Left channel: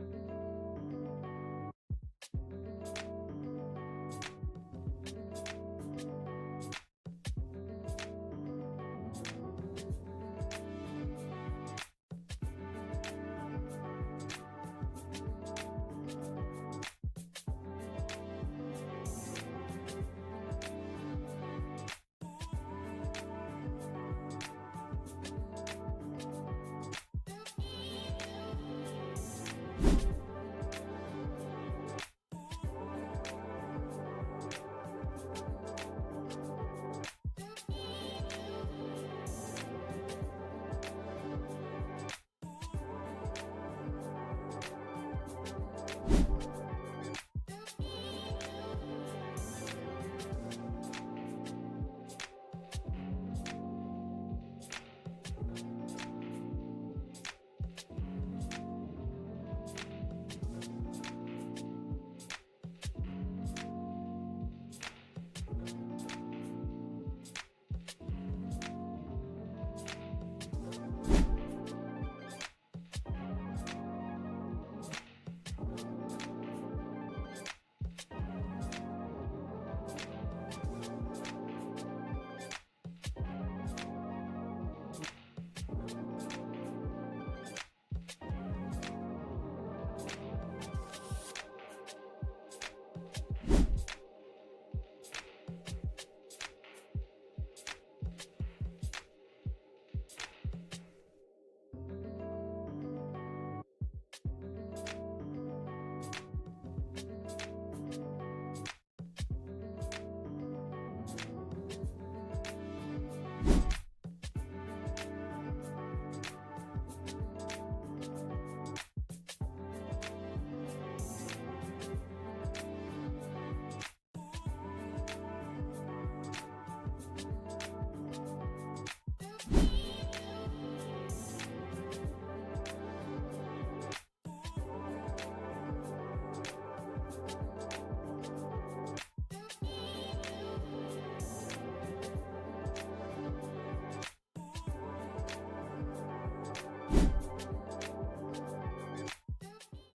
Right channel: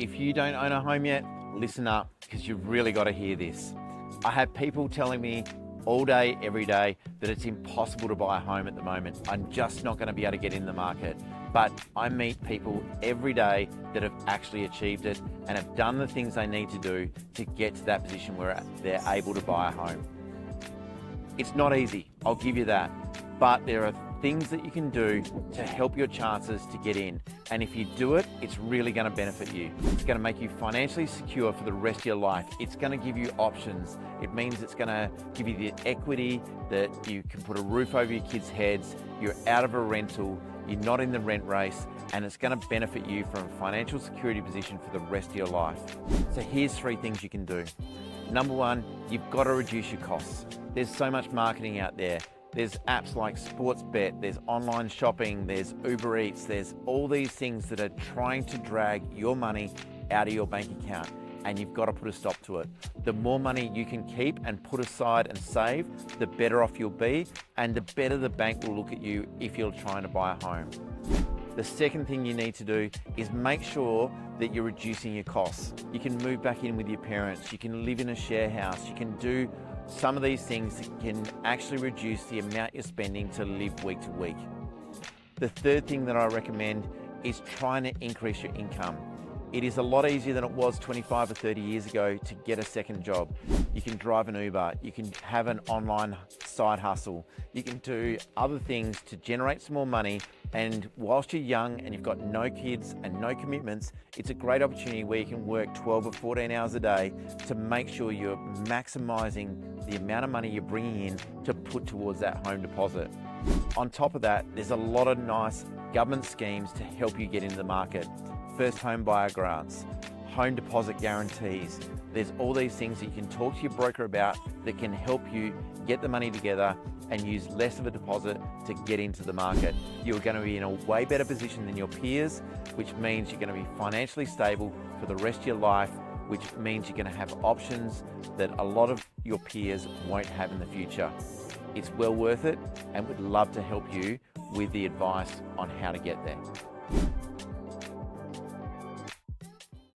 If you don't own a home yet, listen up, because you've really got to hear this. I have people telling me all day, every day, that it's impossible to buy a home at the moment. I'm just not going to be able to get in the market. But I meet people every day that have actually achieved it and have done the things they need to do to get to that position where they're able to buy a home. It's not easy, I'll give you that. But there are things that you can do to help your chances to get in. And if you do it, it's really going to benefit you. It's going to make you financially secure for the rest of your life. It's going to give you options. It means it's going to give you the equity that you can put a roof over your kids' heads, you're out of a rental, you're not in the rent race, and it's going to benefit you from a financial security position for the rest of your life. So here's 3 things you can do. Number 1, you've got to reduce your costs. There's so much marketing out there. There's apps like Sportsbet, there's online shopping, there's Uber Eats, there's all these things that are trying to drag your money out of your bank account, and you've got to put a stop to it. The more money you can keep and put aside and save, the better off you'll be, and the better the bank will look at you if you're trying to buy a home. The second thing you need to do is make sure that you're reducing your costs. You can move back in with your parents, you can live in a share house, you can do some of these things that can actually reduce the amount you're spending to live week to week. The third thing that I recommend is trying to increase your income. It is a lot easier than it was 25 or 30 years ago to get a second job. You can drive an Uber, you can have an online side hustle, you can do other things to generate some more money, and whilst you're young and you've got no kids and no commitments, it's a great opportunity where you can work 12 or 14 hours a day to make sure you're maximising the amount of money you're bringing in to put towards that home deposit. On top of that, there's a lot of nice government schemes to help you get into the market. First home buyer grants, home deposit guarantees. There's all these things that you can talk to your broker about that can help you get the money together and use less of a deposit to get into the market. You're going to be in a way better position than your peers, which means you're going to be financially stable for the rest of your life, which means you're going to have options that a lot of your peers won't have in the future. It's well worth it, and would love to help you with the advice on how to get there.